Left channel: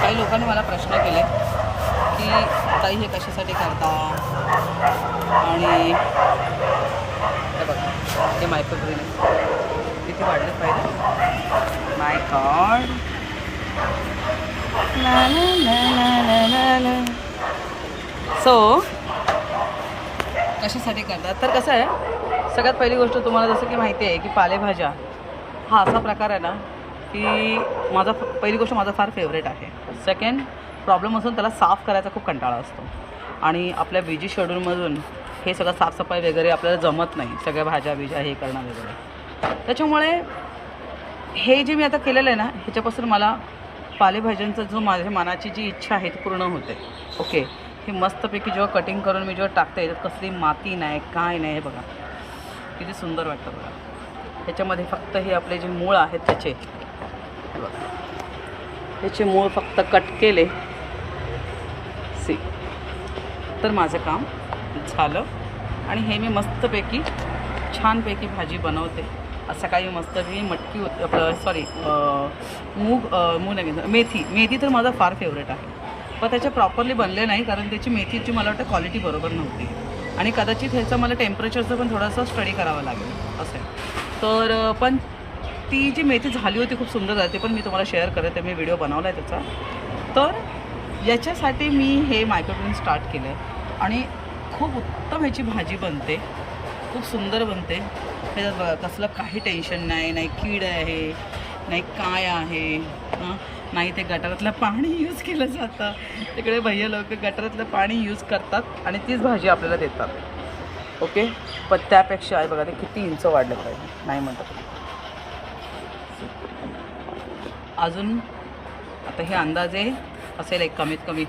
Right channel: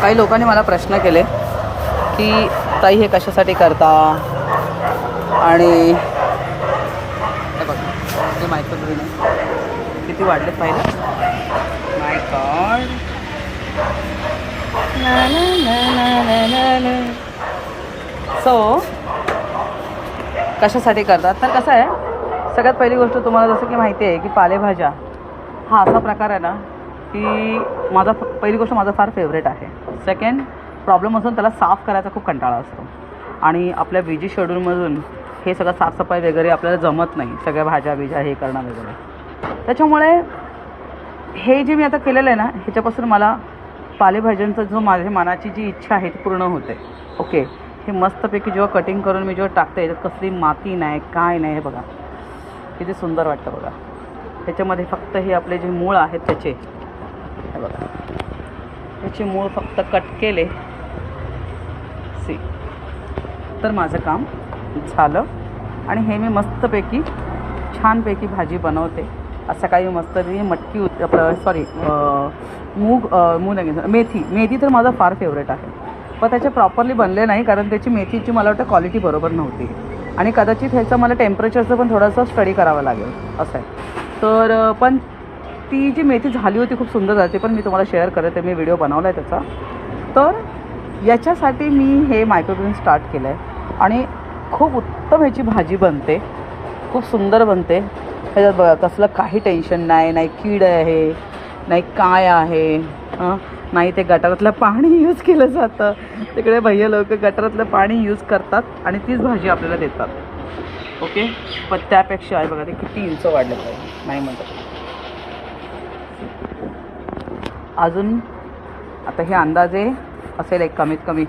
काही लोकांनी मला प्रश्न केले की ताई हे कशासाठी करता, आणि हे बघा हे मायक्रोग्रीन आहे, किती वाढलेत पाहिलं. माय गॉड. सो कशासाठी करतात तर कसं आहे, सगळ्यात पहिली गोष्ट तुम्हाला जसं की माहिती आहे की पालेभाज्या हा असा प्रकार आहे ना की पहिली गोष्ट माझा फार फेवरेट आहे. सेकंड प्रॉब्लेम असून त्याला साफ करायचा खूप कंटाळा असतो, आणि आपल्या बिजी शेड्यूलमधून हे सगळं साफसफाई वगैरे आपल्याला जमत नाही, सगळ्या भाज्या बिज्या हे करणं वगैरे. त्याच्यामुळे हे जे मी आता केलेलं आहे ना, ह्याच्यापासून मला पालेभाज्यांचा जो माझ्या मनाची जी इच्छा आहे ती पूर्ण होते. ओके, हे मस्तपैकी जेव्हा कटिंग करून मी जेव्हा टाकते तर कसली माती नाही काय नाही, हे बघा किती सुंदर वाटतं बघा. ह्याच्यामध्ये फक्त हे आपले जे मूळ आहेत त्याचे, हे बघा त्याचे मूळ फक्त कट केले सी तर माझं काम झालं. आणि हे मी मस्तपैकी छानपैकी भाजी बनवते. सकाळी मस्तपैकी मटकी आपलं मूग मेथी तर माझा फार फेवरेट आहे, पण त्याचे प्रॉपरली बनले नाही कारण त्याची मेथीची मला वाटतं क्वालिटी बरोबर नव्हती, आणि कदाचित ह्याचं मला टेम्परेचरचं पण थोडंसं स्टडी करावं लागेल असं आहे. तर पण ती जी मेथी झाली होती खूप सुंदर झाली, पण मी तुम्हाला शेअर करते, मी व्हिडिओ बनवला आहे त्याचा. तर याच्यासाठी मी हे मायक्रोग्रीन स्टार्ट केलं आहे, आणि खूप उत्तम ह्याची भाजी बनते, खूप सुंदर बनते. ह्याच्यात बघा कसलं काही टेन्शन नाही, नाही कीड आहे नाही काय आहे, नाही ते गटारातलं पाणी यूज केलं जातं. तिकडे भैया लोक गटारातलं पाणी यूज करतात आणि तीच भाजी आपल्याला देतात. ओके, पण त्यापेक्षा आहे बघा ते किती इंच वाढलं पाहिजे, नाही म्हणतात अजून. आता हे अंदाजे असेल एक कमीत कमी